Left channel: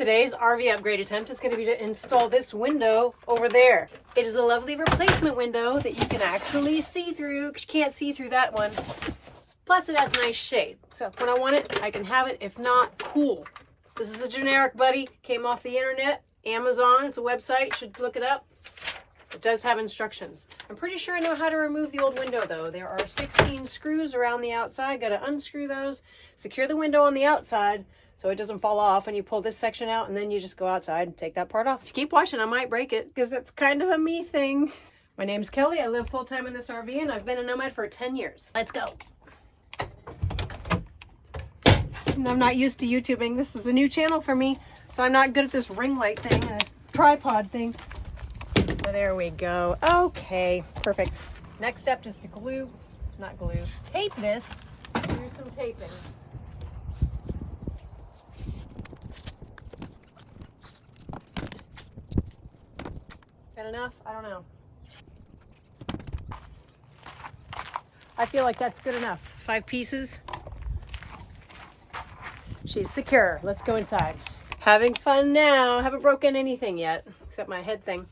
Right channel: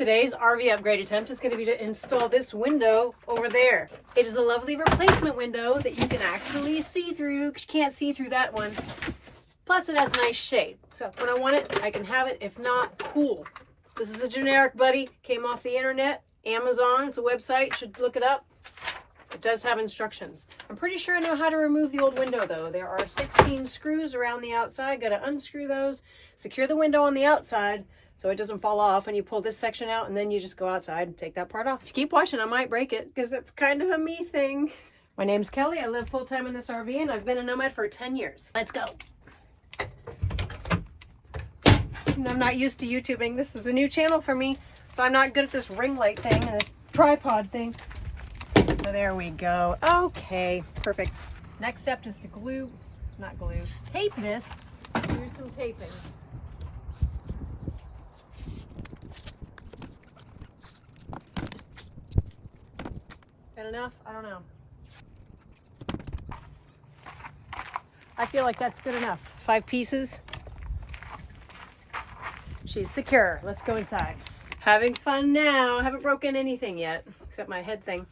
Today's RV upgrade attempt is going to be to install this window over there. It is a lovely replacement window that you can actually see through, because you can't see through that one. Plus it has nice shade. So when I want it, I can have it. If not, cool. This is a generic buddy. Came off the internet. Amazon. It's a website. You should look it up. It does have instructions. I'm pretty sure I know how to remove the old window though. There are 16 screws around the outside. Got to unscrew those. Secure the window on the outside so it doesn't fall off, and you pull this section out and then you just go outside and take that part off. If you keep watching, I might break it because that's kind of a me thing. My name's Kelly. I live full-time in this RV and I've been a nomad for 10 years. Let's go. I'm not used to YouTubing. This is a new channel for me, so I'm not good at this ring light thing and this tripod thing. So there we go. Okay, perfect. Next step is to tape this. Do some taping. Got enough? I don't know. I feel like that's good enough. 5 pieces. She's secure. Let's go inside. Having fun now. I haven't broken anything yet, except my head thing.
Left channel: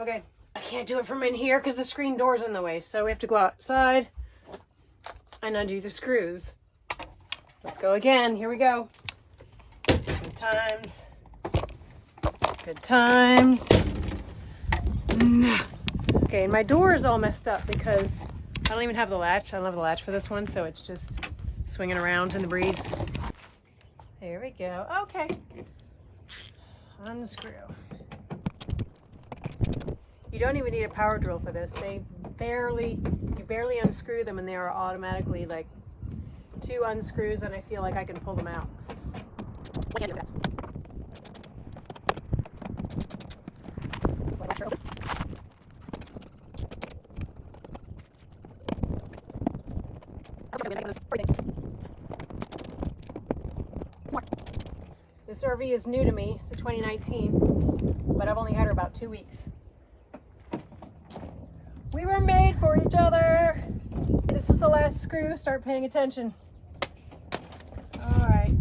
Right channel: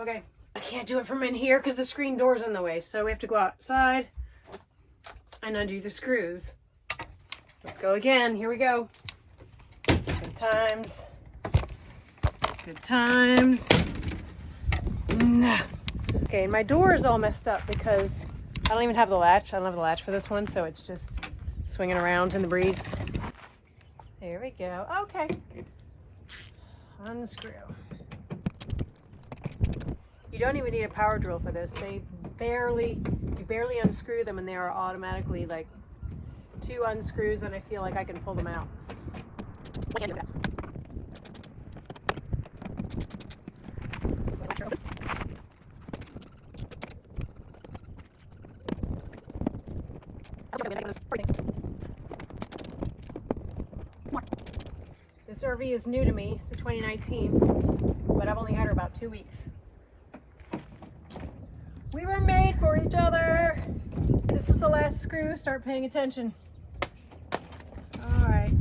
Okay, I can't do it from in here because the screen door's in the way, so we have to go outside and undo the screws. Let's go again. Here we go. Good times. Good times. Okay, and my door is all messed up because I don't even have the latch. I don't have the latch for this one, so it's just swinging around in the breeze. There we go. Okay. Unscrew. You don't even need a power drill for this. You barely unscrew them and they are automatically like 2 unscrews, and I feel like I can pull them out. What can I do with that? This RV is new to me. It's a 2019, but I've only had her about 2 weeks. We were made for each other. This is the last screw. Start paying attention. All right.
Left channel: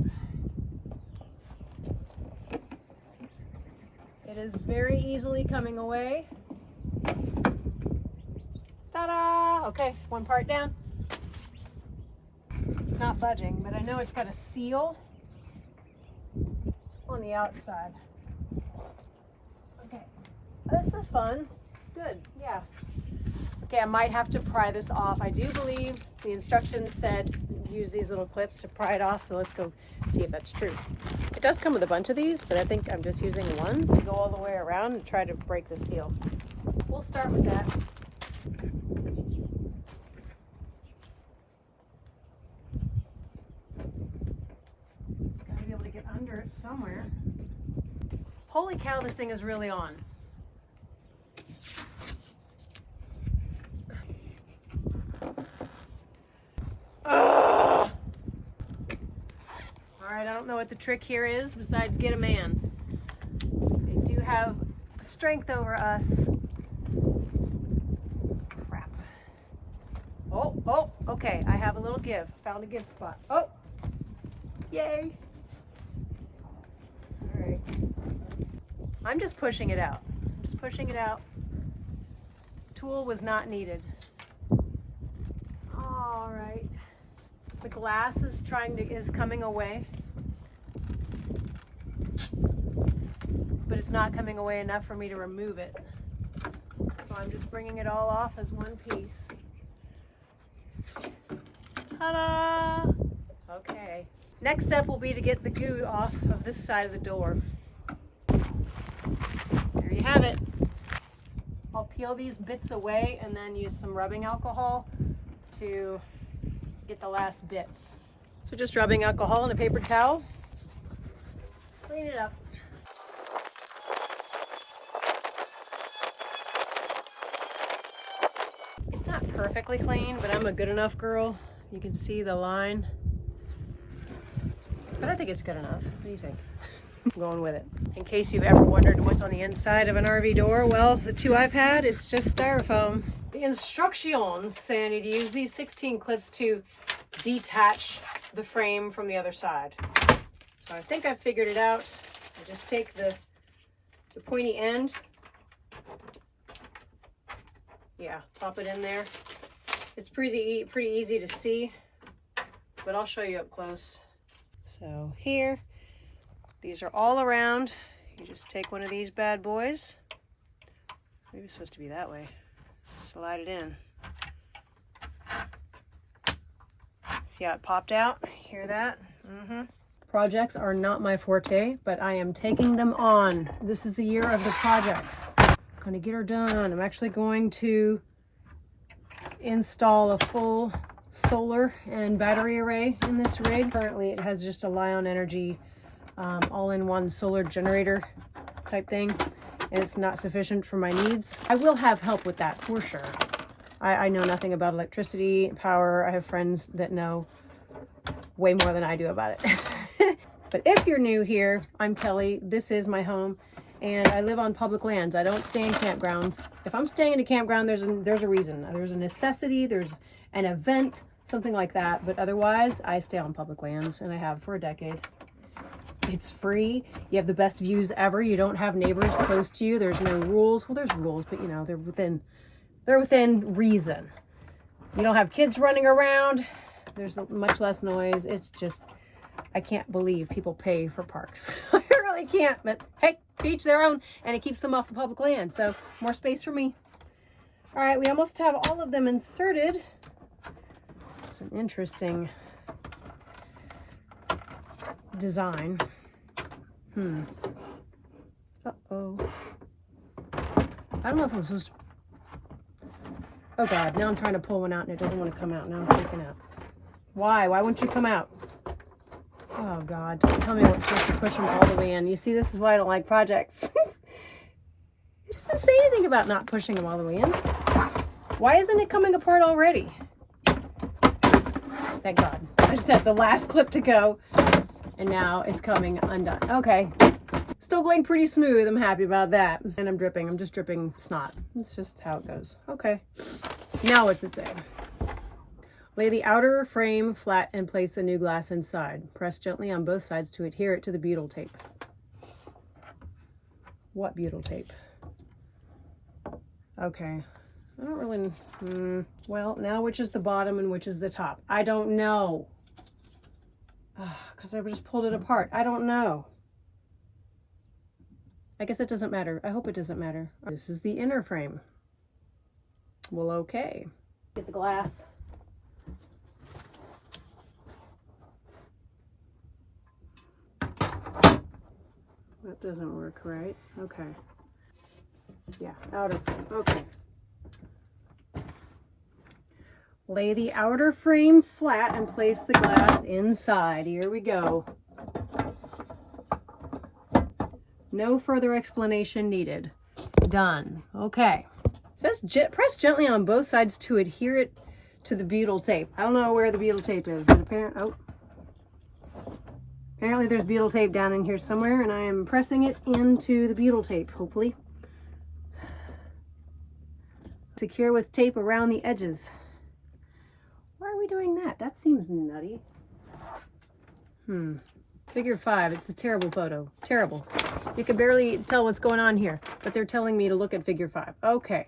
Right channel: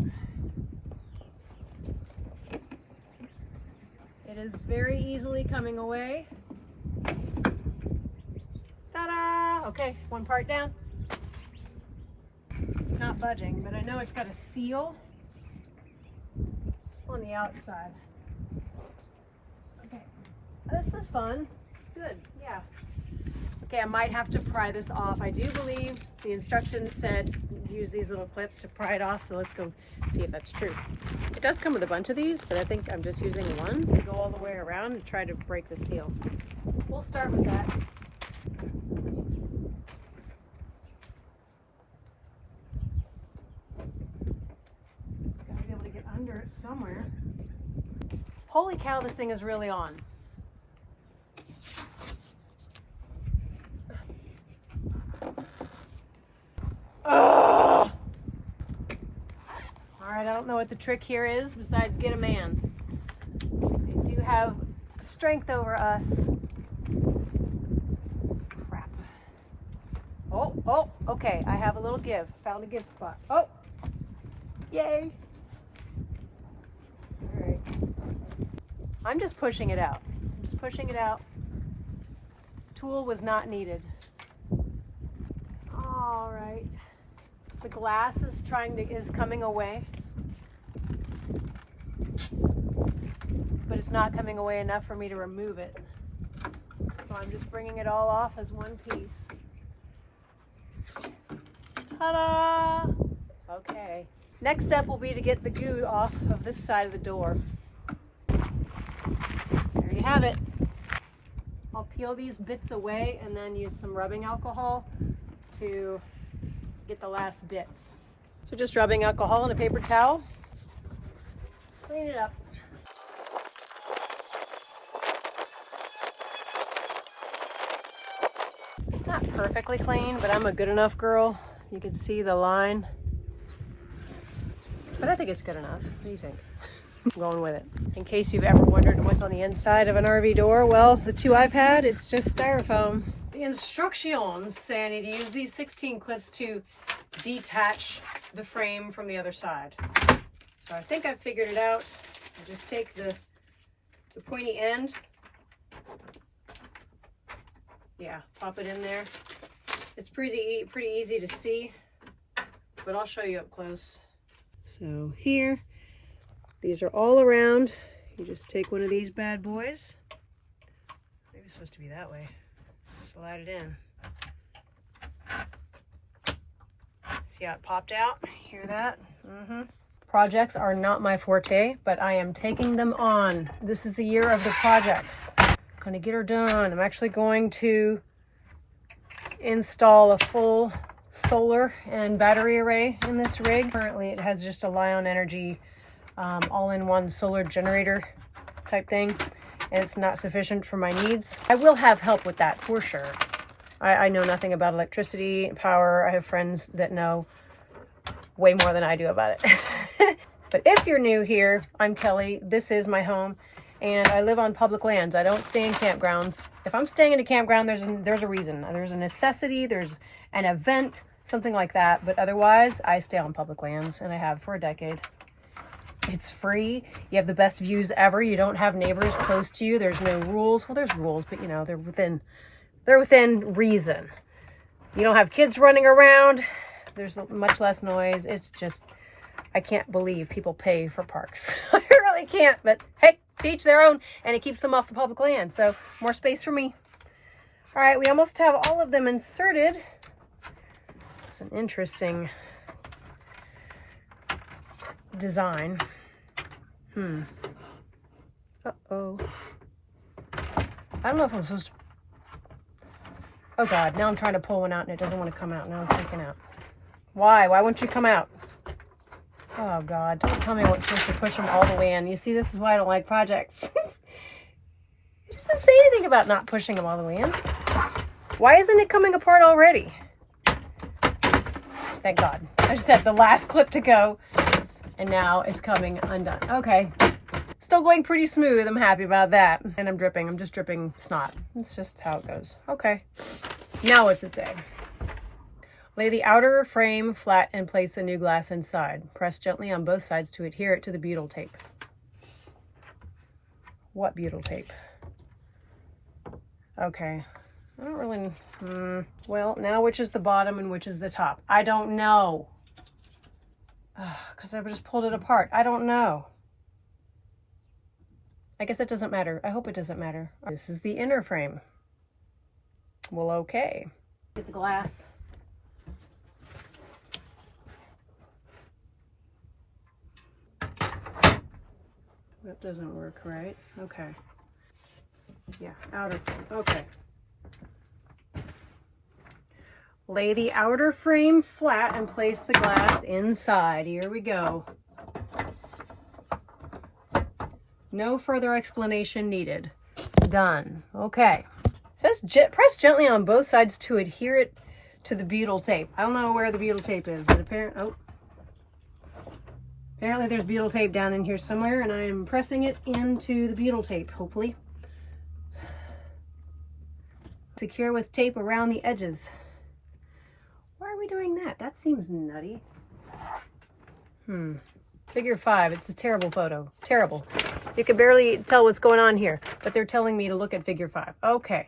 It is very easily coming away. Ta-da! Okay, one part down. It's not budging, but I know it's got a seal on the outside. Okay, this is fun. It's good, yeah. Okay, I might have to pry this off. I do believe the instructions said use these little clips to pry it off, so let's go see if that's true. It does come with a bunch of these, but I think I'm just using one to go all the way around and try to break the seal. We'll start with that. Gotta be able to get under it somewhere. Holy cow, this thing is really on. All right, I don't know what the trick here is besides get a man. They do have strength over us. Crap. Oh, okay, I have a little give. Found a give spot. Oh, yay. All right. I'm just pushing it out. Tool was not needed. All right. The glass is coming away, but it's not coming away enough for me to remove it. So I'm just bringing it all off as one piece. Ta-da! Okay. Next step will be to get the goo off of this side of the door. There you have it. I'll peel these bits away and then use some rubbing alcohol to get the last bits. So just rubbing alcohol on a paper towel. Clean it up. It's not perfectly clean, but I'm a good enough girl. You can see the line. But I think it's good enough. What do you think? I'm going with it. In case you've ever wondered what's on the inside of an RV door, well, the 2 I've had, it's just styrofoam. The instructions say I need to use these 16 clips to detach the frame from the other side. So I think I've figured it out. I just take the pointy end. Yeah, pop it in there. It's pretty easy to see, but I'll show you up close. So here, these are all around. You just take one of these bad boys. Maybe it's supposed to be that way. Slide it in. See how it popped out? Hear that? Projects are not my forte, but I am taking them on. This is the year of the projects. I'm gonna get her done. I'm actually going to install a full solar and battery array in this rig. Currently it has just a Lion Energy all-in-one solar generator type thing, and it's not sufficient for my needs. I will have help with that for sure. I know nothing about electricity, power. I have friends that know way more than I do about it. But if you're new here, I'm Kelly. This is my home, and I live on public lands. I don't stay in campgrounds. If I'm staying in a campground, there's a reason. There's a necessity, there's an event, something like that. But otherwise, I stay on public lands, and I have for a decade. It's free. You have the best views ever. You don't have neighbors close to you. There's no rules. Well, there's rules, but you know, they're within reason. You don't have kids running around. There's much less noise. It's just, I can't believe people pay for parks. I really can't, but hey, to each their own, and it keeps them off the public land. So more space for me. All right, we almost have all of them inserted. It's an interesting design. Uh-oh. I don't know if I'm supposed to. Oh God, now I'm trying to pull one out and it doesn't want to come out. Now I'm freaking out. Why? Why won't you come out? Oh God, don't tell me I'm supposed to push them all the way in. You see, this is why I don't like projects. It doesn't say anything about not pushing them all the way in. Why isn't it coming apart already? Thank God. I just had the last clip to go and now it's coming undone. Okay. Still going pretty smooth. I'm happy about that. And I'm dripping. I'm just dripping snot. It's just how it goes. Okay. Now what's it say? Lay the outer frame flat and place the new glass inside. Press gently on both sides to adhere it to the butyl tape. What butyl tape? Okay. I don't really... well, now which is the bottom and which is the top? I don't know. Because I just pulled it apart. I don't know. I guess it doesn't matter. I hope it doesn't matter. This is the inner frame. Well, okay. Get the glass. That doesn't work, right? Okay. Yeah, outer frame. Okay. Lay the outer frame flat and place the glass inside. Here we go. No further explanation needed. Done. Okay. It says press gently on both sides to adhere it to the butyl tape. I don't know where the butyl tape is, but apparently there's butyl tape down in here somewhere, and I am pressing it into the butyl tape, hopefully. Secure with tape around the edges. Why are we doing that? That seems nutty. Figure 5. It's a terrible photo. Terrible. You can barely tell what's going on here, but they're telling me to look at figure 5. Okay.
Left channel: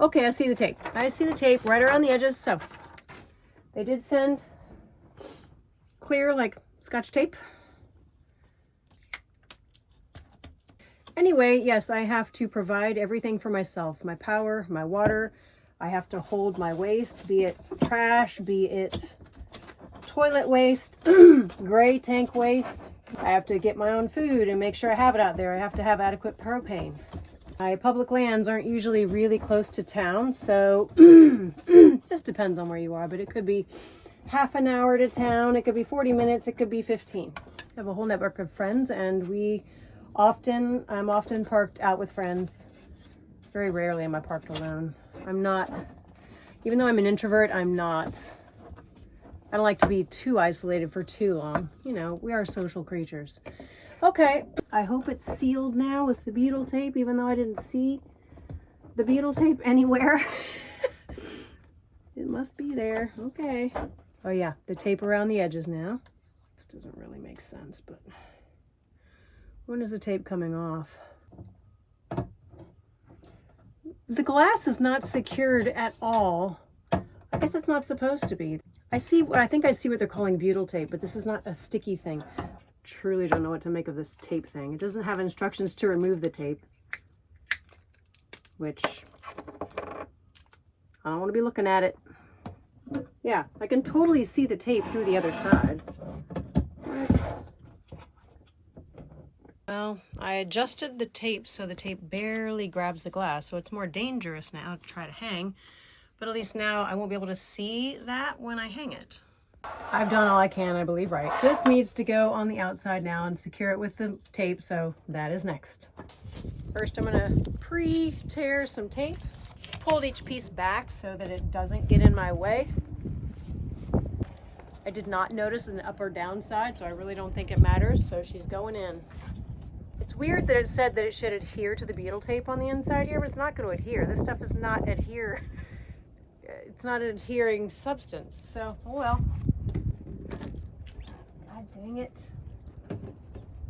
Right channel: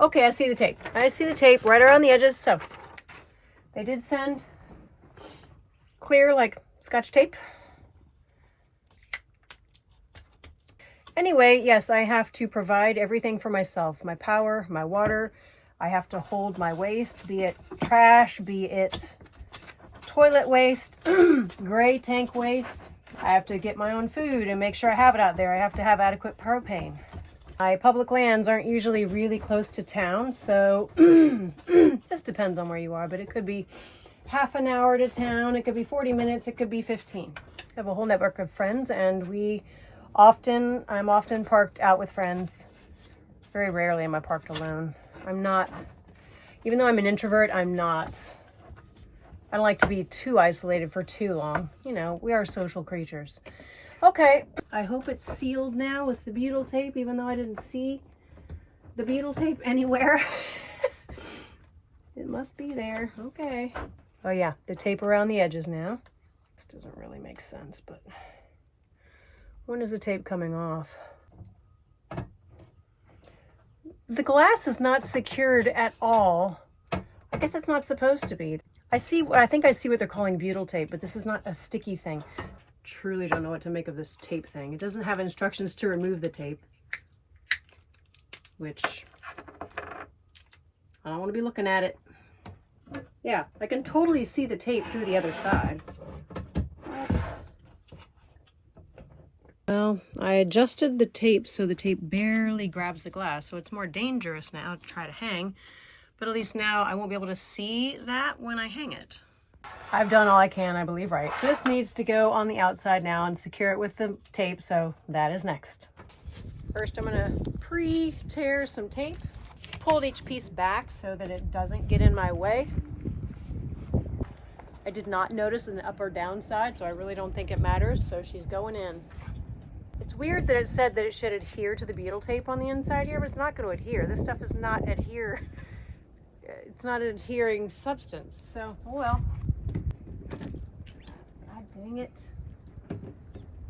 Okay, I see the tape. I see the tape right around the edges. So they did send clear, like Scotch tape. Anyway, yes, I have to provide everything for myself. My power, my water. I have to hold my waste, be it trash, be it toilet waste, gray tank waste. I have to get my own food and make sure I have it out there. I have to have adequate propane. My public lands aren't usually really close to town, so just depends on where you are, but it could be half an hour to town, it could be 40 minutes, it could be 15. I have a whole network of friends, and I'm often parked out with friends. Very rarely am I parked alone. I'm not, even though I'm an introvert, I don't like to be too isolated for too long. You know, we are social creatures. Okay, I hope it's sealed now with the butyl tape, even though I didn't see the butyl tape anywhere. It must be there. Okay. Oh yeah, the tape around the edges now. This doesn't really make sense, but When is the tape coming off? The glass is not secured at all. I guess it's not supposed to be. I think I see what they're calling butyl tape, but this is not a sticky thing. Truly don't know what to make of this tape thing. It doesn't have instructions to remove the tape, which I don't want to be looking at it. Yeah, I can totally see the tape through the other side. Well, I adjusted the tape so the tape barely grabs the glass, so it's more dangerous now to try to hang, but at least now I won't be able to see that when I hang it. I've done all I can, I believe, right. This needs to go on the outside now and secure it with the tape, so that is next. First, I'm gonna pre-tear some tape, pulled each piece back so that it doesn't get in my way. I did not notice an up or down side, so I really don't think it matters, so she's going in. It's weird that it said that it should adhere to the butyl tape on the inside here, but it's not going to adhere. This stuff is not adhere. It's not an adhering substance, so oh well. God dang it.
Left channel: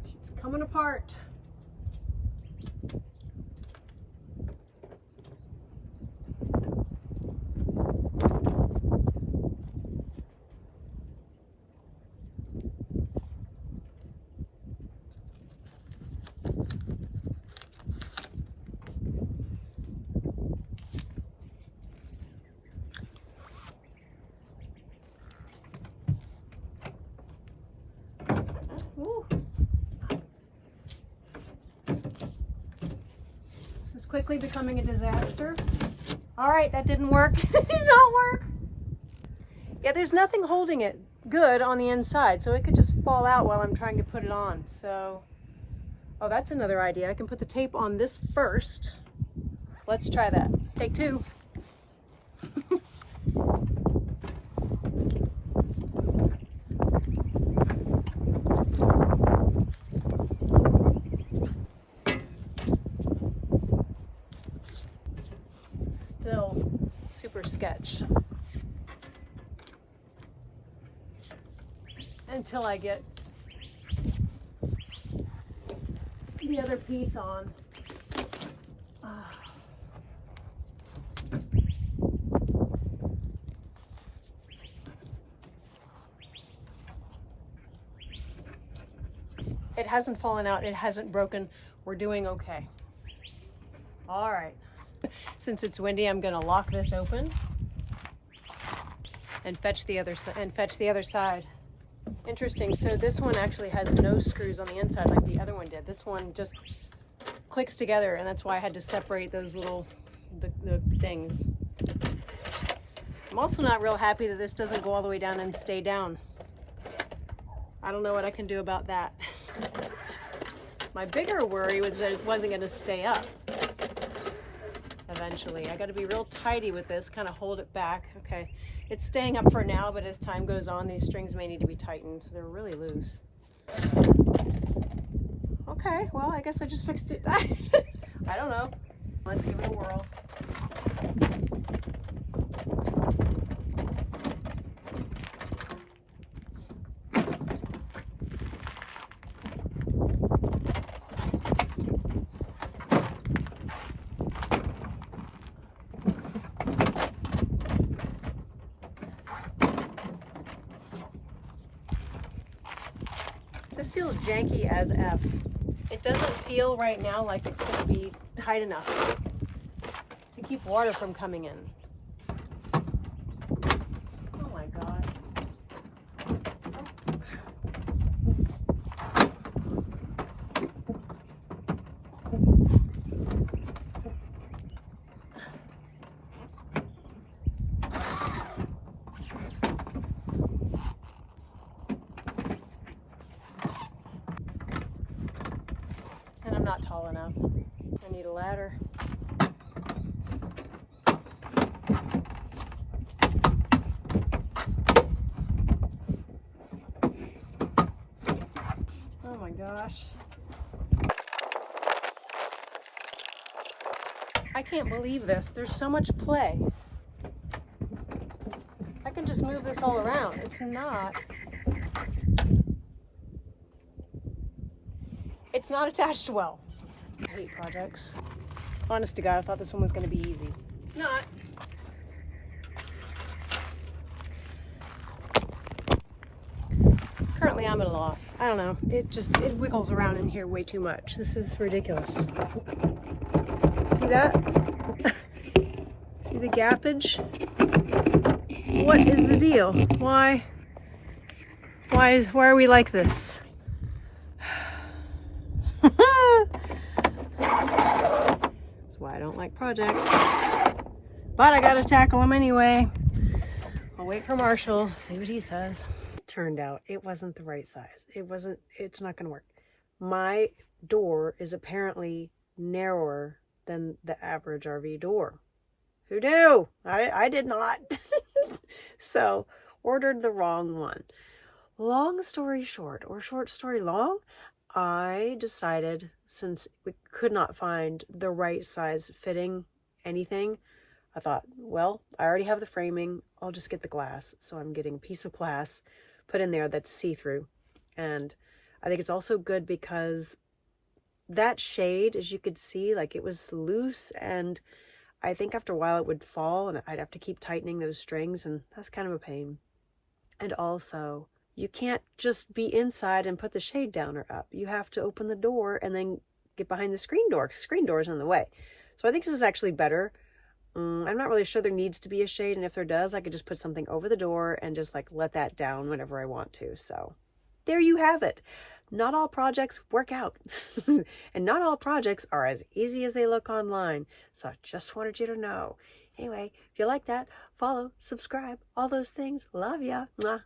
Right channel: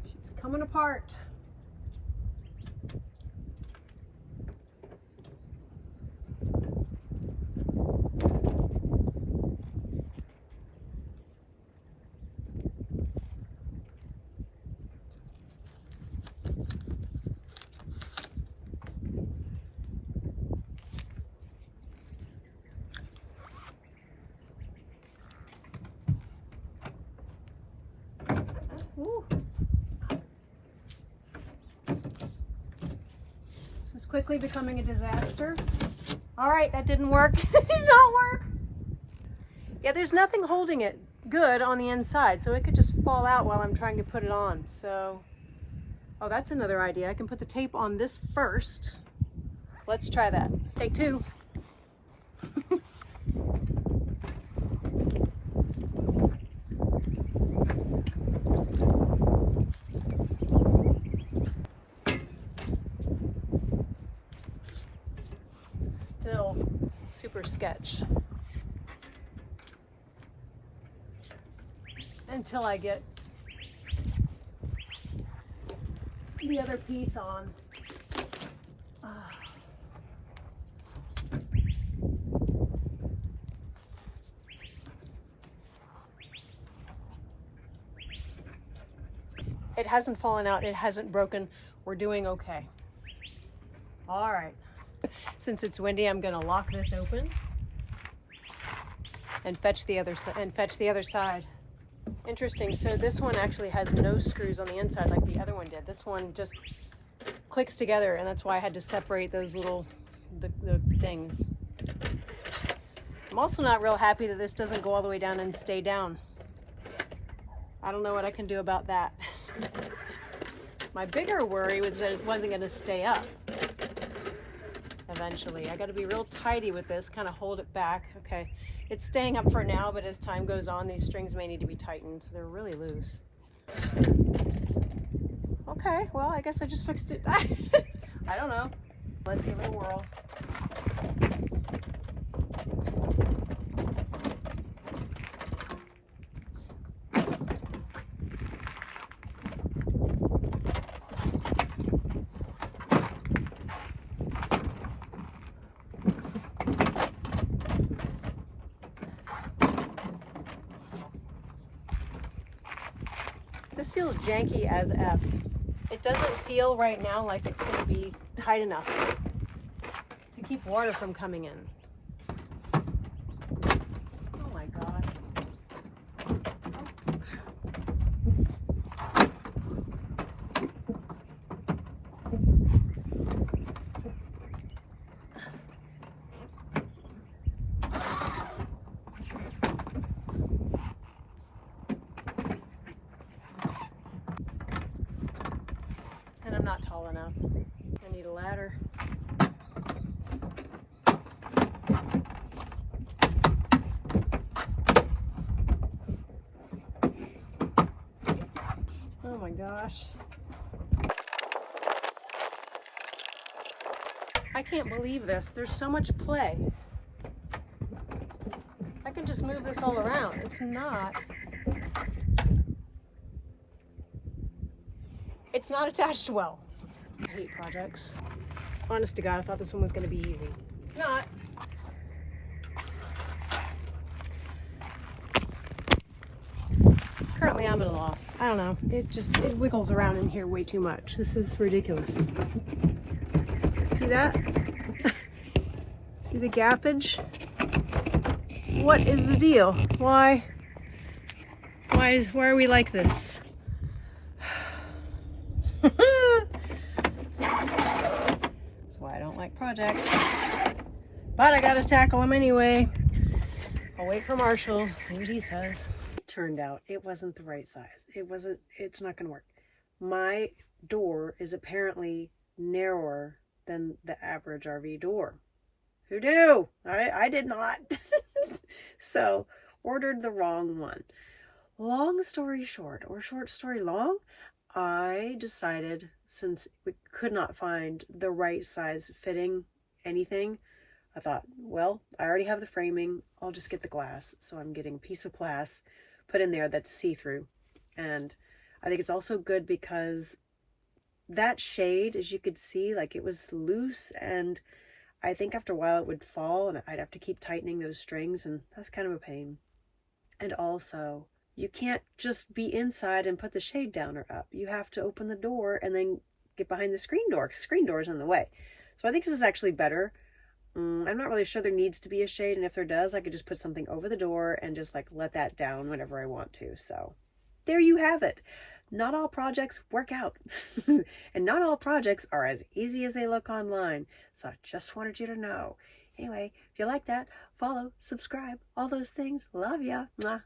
She's coming apart. Ooh. This is quickly becoming a disaster. All right, that didn't work. It did not work. Yeah, there's nothing holding it good on the inside, so it could just fall out while I'm trying to put it on. So, oh, that's another idea. I can put the tape on this first. Let's try that. Take two. Still super sketch until I get the other piece on. It hasn't fallen out, it hasn't broken. We're doing okay. All right. Since it's windy, I'm going to lock this open and fetch the other side. Interesting. So this one actually has no screws on the inside like the other one did. This one just clicks together, and that's why I had to separate those little the things. I'm also not real happy that this doesn't go all the way down and stay down. I don't know what I can do about that. My bigger worry was that it wasn't going to stay up. Eventually, I got to be real tidy with this, kind of hold it back. Okay, it's staying up for now, but as time goes on, these strings may need to be tightened. They're really loose. Okay, well, I guess I just fixed it. I don't know. Let's give it a whirl. This feels janky as F. It doesn't feel right now like it's going to be tight enough to keep water from coming in. Oh my God. And I'm not tall enough. I need a ladder. Oh my gosh. I can't believe this. There's so much play. I can just move this all around. It's not. It's not attached well. I hate projects. Honest to God, I thought this one was going to be easy. It's not. Currently, I'm at a loss. I don't know. It wiggles around in here way too much. This is ridiculous. See that? See the gappage? What is the deal? Why are we like this? That's why I don't like projects. But I gotta tackle them anyway. I'll wait for Marshall, see what he says. Turned out it wasn't the right size. It's not gonna work. My door is apparently narrower than the average RV door. Who knew? I did not. So ordered the wrong one. Long story short, or short story long, I decided, since we could not find the right size fitting anything, I thought, well, I already have the framing, I'll just get the glass. So I'm getting a piece of glass put in there that's see-through. And I think it's also good because that shade, as you could see, like it was loose, and I think after a while it would fall and I'd have to keep tightening those strings, and that's kind of a pain. And also, you can't just be inside and put the shade down or up. You have to open the door and then get behind the screen door. Screen door is in the way. So I think this is actually better. I'm not really sure there needs to be a shade, and if there does, I could just put something over the door and just like let that down whenever I want to. So there you have it. Not all projects work out. And not all projects are as easy as they look online. So I just wanted you to know. Anyway, if you like that, follow, subscribe, all those things. Love ya. Mwah.